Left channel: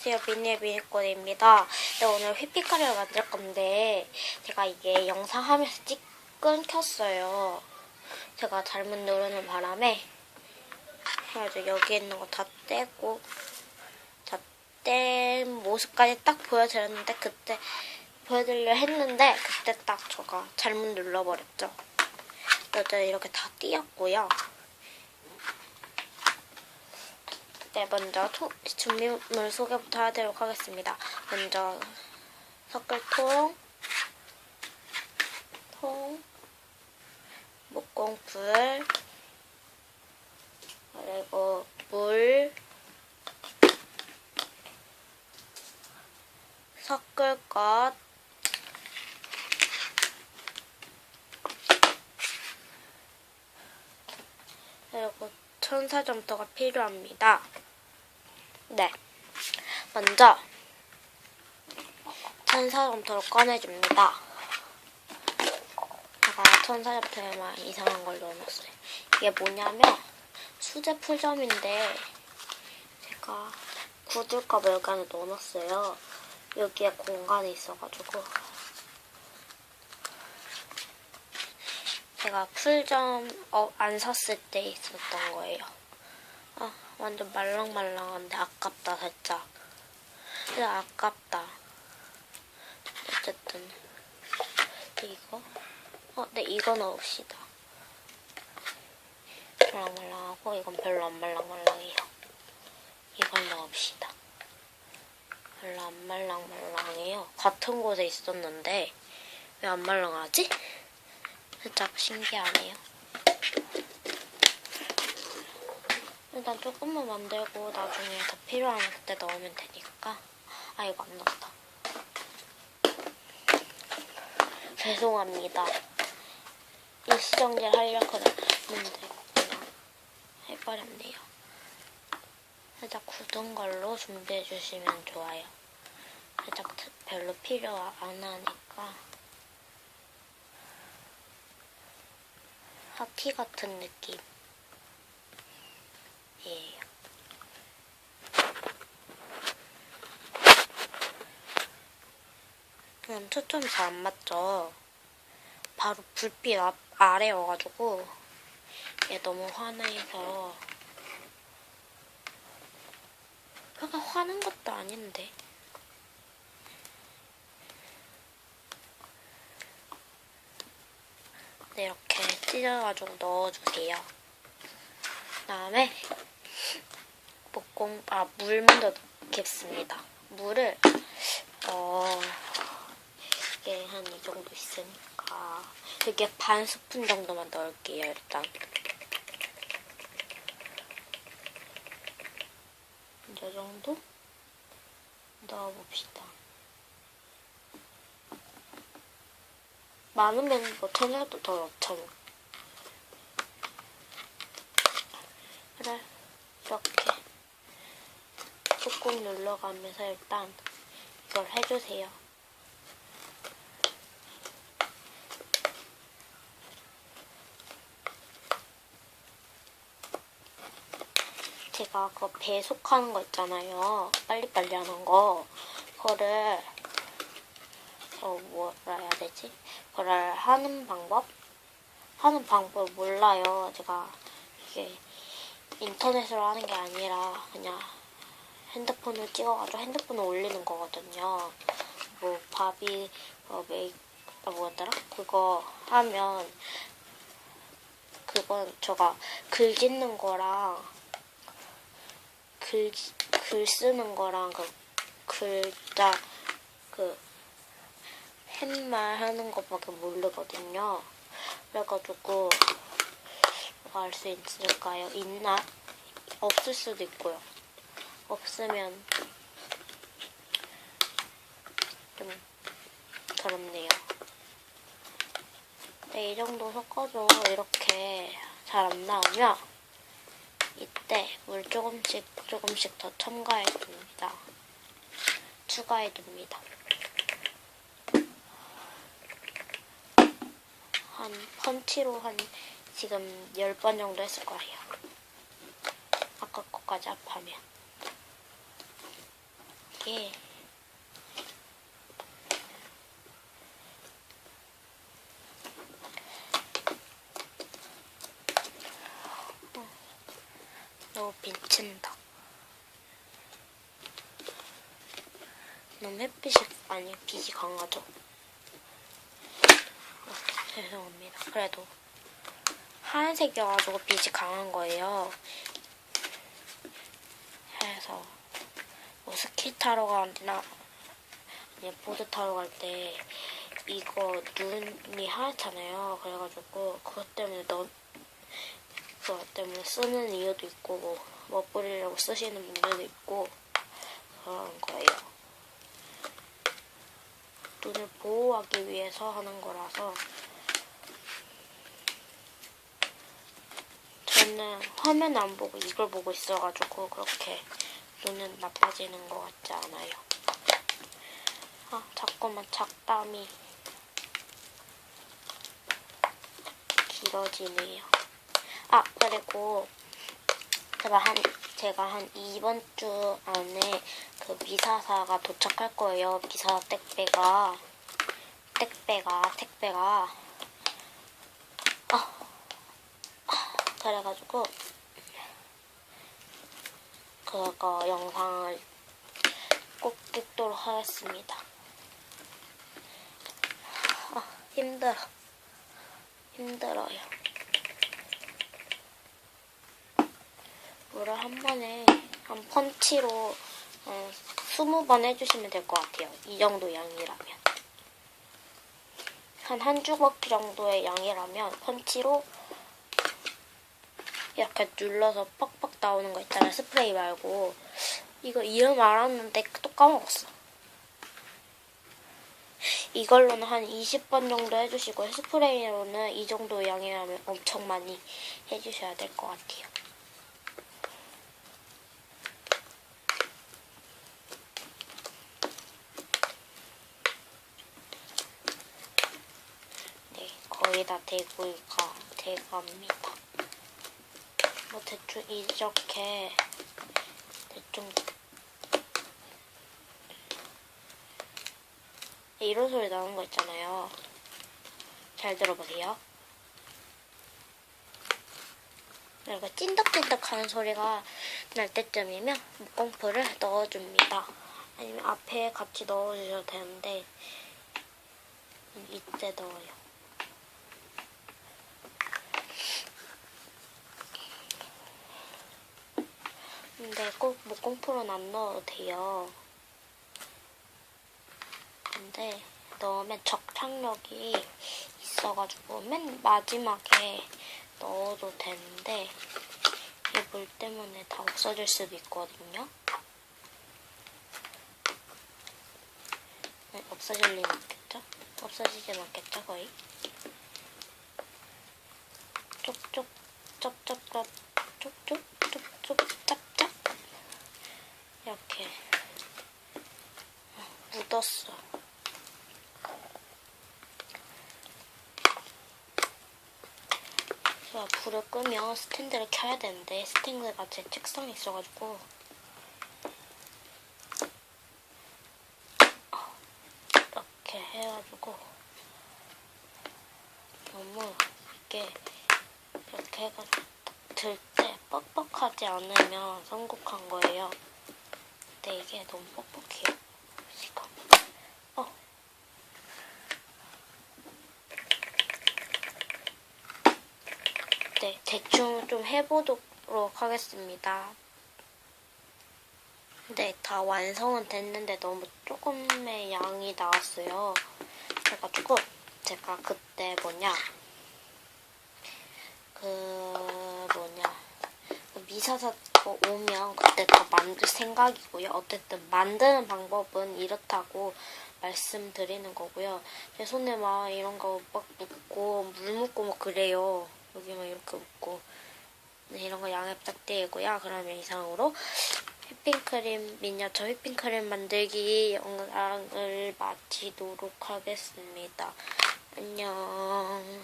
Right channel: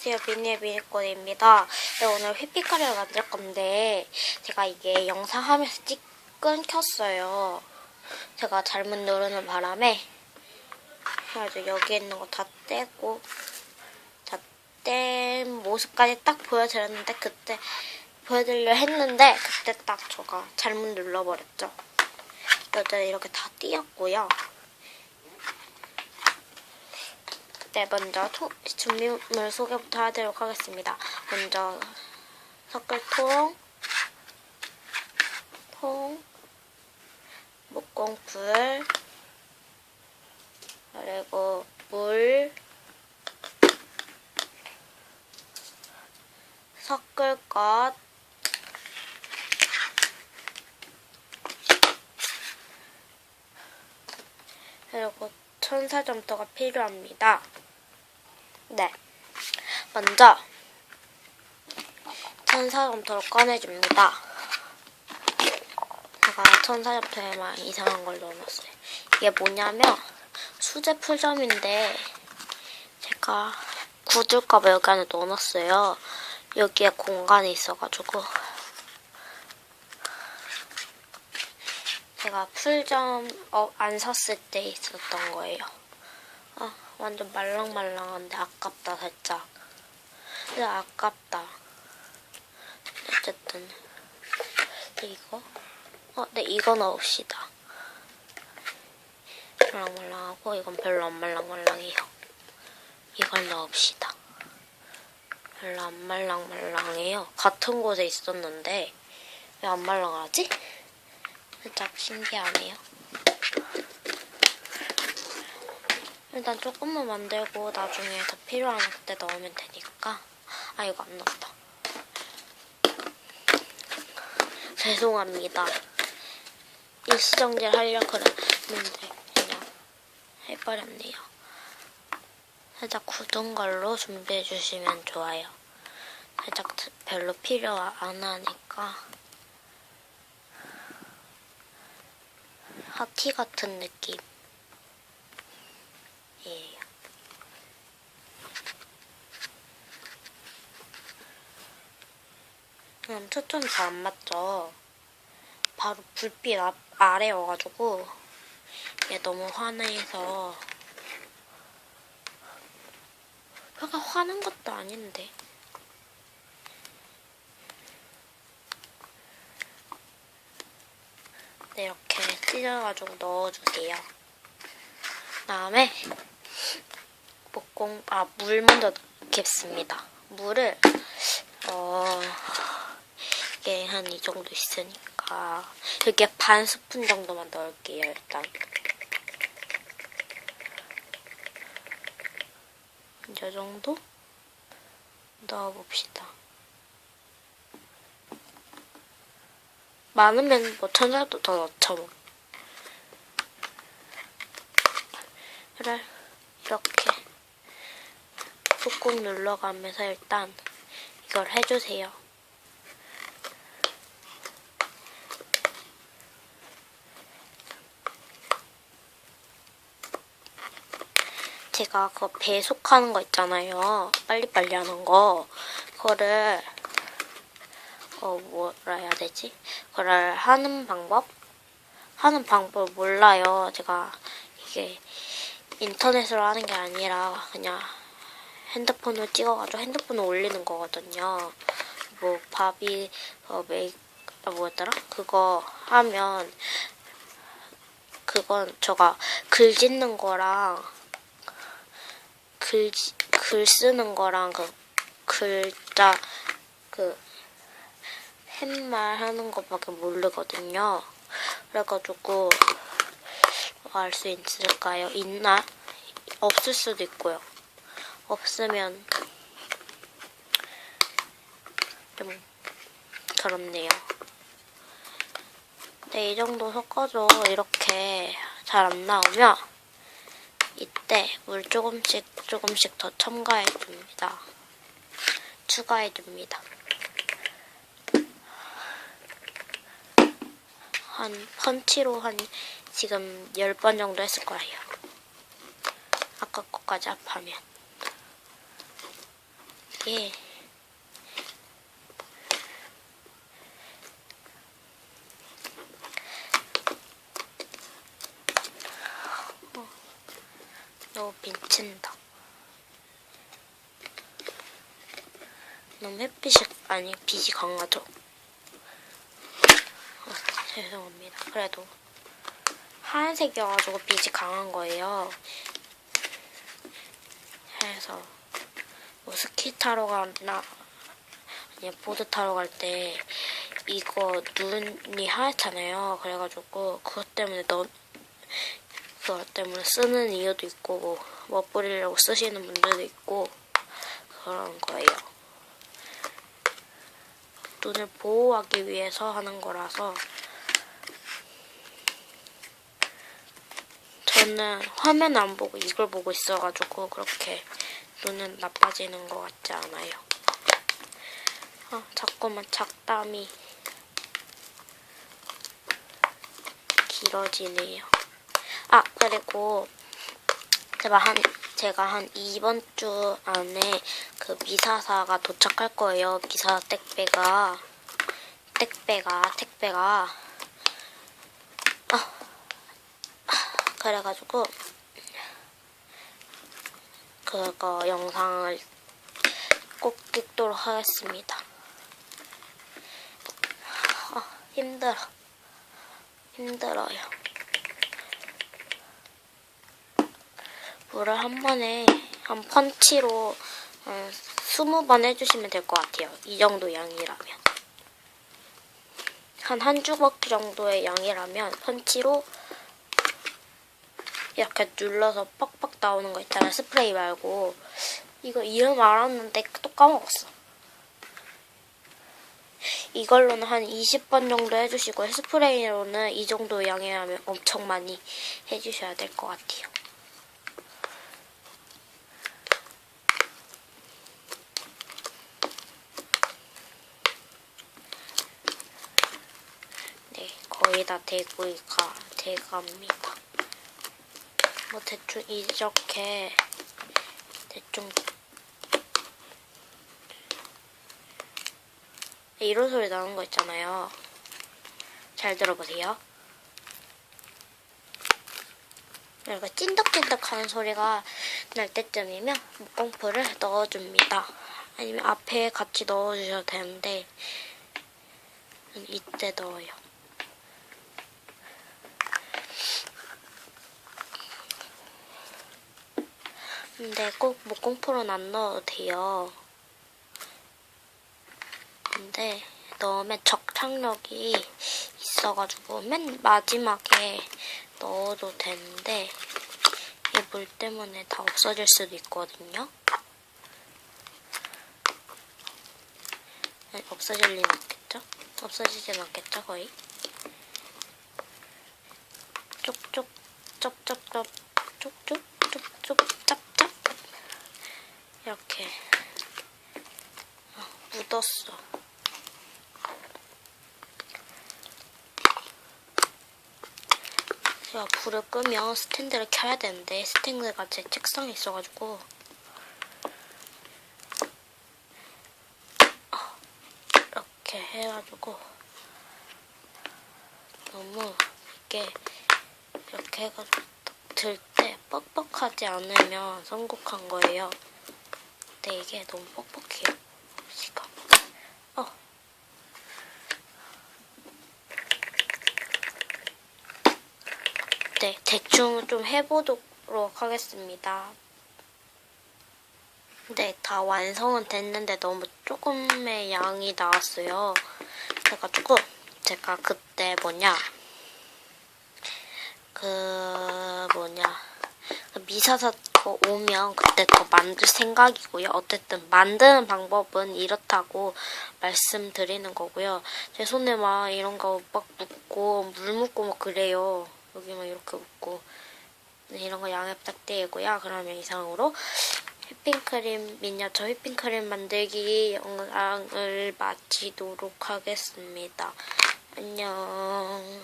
안녕하세요. 비니의 비니꽃입니다. 네, 오늘 휘핑카레를 만들 건데 제가 이게 영상 하면서 찍 끊겼어요. 제가 잘못 누르는 바람에 그래가지고 여기 있는 거 다 떼고 다 뗀 모습까지 딱 보여드렸는데 그때 보여드리려 했는데 그때 딱 제가 잘못 눌러버렸죠. 어쨌든 이렇게 다 띄었고요 네, 먼저 통, 준비물 소개부터 하도록 하겠습니다. 먼저 섞을 통, 통, 목공풀, 그리고 물, 섞을 것, 그리고 천사점토가 필요합니다. 네. 먼저 천사점토를 꺼내줍니다. 제가 천사점토에만 이상한 걸 넣어놨어요. 이게 뭐냐면 수제 풀점인데 제가 굳을까봐 여기 안에 넣어놨어요. 여기에 공간이 있어가지고 제가 풀점 어, 안 샀을 때 있었던 거예요. 아, 완전 말랑말랑한데 아깝다 살짝. 근데 아깝다. 어쨌든 이거 어, 네 이거 넣읍시다. 말랑말랑하고 이건 별로 안 말랑말랑해요. 이걸 넣읍시다. 별로 안 말랑말랑해요. 같은 곳에 있었는데 왜 안 말랑하지? 살짝 신기하네요. 일단 조금만 만들고 나중에 더 필요하면 그때 넣으면 되니까. 아 이거 안 넣었다. 죄송합니다. 이 수정질 하려고 그랬는데 그냥 해버렸네요. 살짝 굳은 걸로 준비해 주시면 좋아요. 살짝 별로 필요 안 하니까. 하티 같은 느낌 이에요. 그냥 초점이 잘안 맞죠? 바로 불빛 앞, 아래 여가지고 얘 너무 환해서 그가 화는 것도 아닌데 네, 이렇게 찢어가지고 넣어주세요. 그다음에 목공 아물 먼저 넣겠습니다. 물을 어 이게 한 이 정도 있으니까 이렇게 반 스푼 정도만 넣을게요. 일단 이 정도 넣어봅시다. 많으면 뭐 천사도 더 넣죠 뭐. 이렇게 꾹꾹 눌러가면서 일단 이걸 해주세요. 제가 그거 배속하는 거 있잖아요. 빨리빨리 하는 거. 그거를 어 뭐라 해야 되지? 그걸 하는 방법? 하는 방법 몰라요. 제가 이게 인터넷으로 하는 게 아니라 그냥 핸드폰을 찍어가지고 핸드폰에 올리는 거거든요. 뭐 바비 어 메이 아 뭐였더라? 그거 하면 그건 제가 글 짓는 거랑 글, 글 쓰는 거랑 그 글자 그 팻말 하는 것밖에 모르거든요. 그래가지고 알 수 있을까요? 있나? 없을 수도 있고요. 없으면 좀 그렇네요. 네, 이 정도 섞어줘. 이렇게 잘 안 나오면 이때 물 조금씩 조금씩 더 첨가해 줍니다. 추가해 줍니다. 한 펀치로 한 지금 10번 정도 했을 거예요. 아까 거까지 합하면. 이게 어, 너무 비친다. 너무 햇빛이 아니 빛이 강하죠. 어, 죄송합니다. 그래도 하얀색이어가지고 빛이 강한 거예요. 그래서 뭐 스키 타러 가나 아니 보드 타러 갈 때 이거 눈이 하얗잖아요. 그래가지고 그것 때문에 너 그것 때문에 쓰는 이유도 있고 뭐 멋부리려고 쓰시는 분들도 있고 그런 거예요. 눈을 보호하기 위해서 하는 거라서 저는 화면 안 보고 이걸 보고 있어가지고 그렇게 눈은 나빠지는 것 같지 않아요. 아, 자꾸만 작담이 길어지네요. 아, 그리고 제가 한, 제가 한 이번 주 안에 그 미사사가 도착할 거예요. 미사 택배가. 택배가, 택배가. 아, 그래가지고, 그거 영상을 꼭 찍도록 하겠습니다. 아, 힘들어. 힘들어요. 물을 한 번에 한 펀치로 어, 20번 해주시면 될 것 같아요. 이 정도 양이라면. 한 한 주먹 정도의 양이라면 펀치로 이렇게 눌러서 빡빡 나오는 거 있잖아요. 스프레이 말고. 이거 이름 알았는데 또 까먹었어. 이걸로는 한 20번 정도 해주시고 스프레이로는 이 정도 양이라면 엄청 많이 해주셔야 될 것 같아요. 네, 거의 다 되고 가, 돼갑니다. 뭐 대충 이렇게 대충 이런 소리 나는 거 있잖아요. 잘 들어보세요. 이렇게 찐득찐득하는 소리가 날 때쯤이면 목공풀을 넣어줍니다. 아니면 앞에 같이 넣어주셔도 되는데 이때 넣어요. 근데 꼭 목공풀은 안 넣어도 돼요. 근데 넣으면 적착력이 있어가지고 맨 마지막에 넣어도 되는데 이 물 때문에 다 없어질 수도 있거든요. 아니, 없어질 리는 없겠죠? 없어지진 않겠죠, 거의? 쪽쪽, 쩝쩝쩝, 쪽쪽, 쪽쪽, 짭짭. 이렇게 아, 묻었어. 제가 불을 끄면 스탠드를 켜야 되는데 스탠드가 제 책상에 있어가지고 이렇게 해가지고 너무 이게 이렇게 해가지고 들 때 뻑뻑하지 않으면 성공한 거예요. 근데 이게 너무 뻑뻑해요. 이거. 어. 네, 대충 좀 해보도록 하겠습니다. 네, 다 완성은 됐는데 너무 조금의 양이 나왔어요. 그래가지고 제가 그때 뭐냐 그 뭐냐 그 미사사 거 오면 그때 더 만들 생각이고요. 어쨌든 만드는 방법은 이렇다고 말씀드리는 거고요. 제 손에 막 이런 거 막 묻고 물 묻고 막 그래요. 여기만 이렇게 묻고 네, 이런 거 양해 부탁드리고요. 그러면 이상으로 휘핑크림 미니어처 휘핑크림 만들기 영상을 마치도록 하겠습니다. 안녕.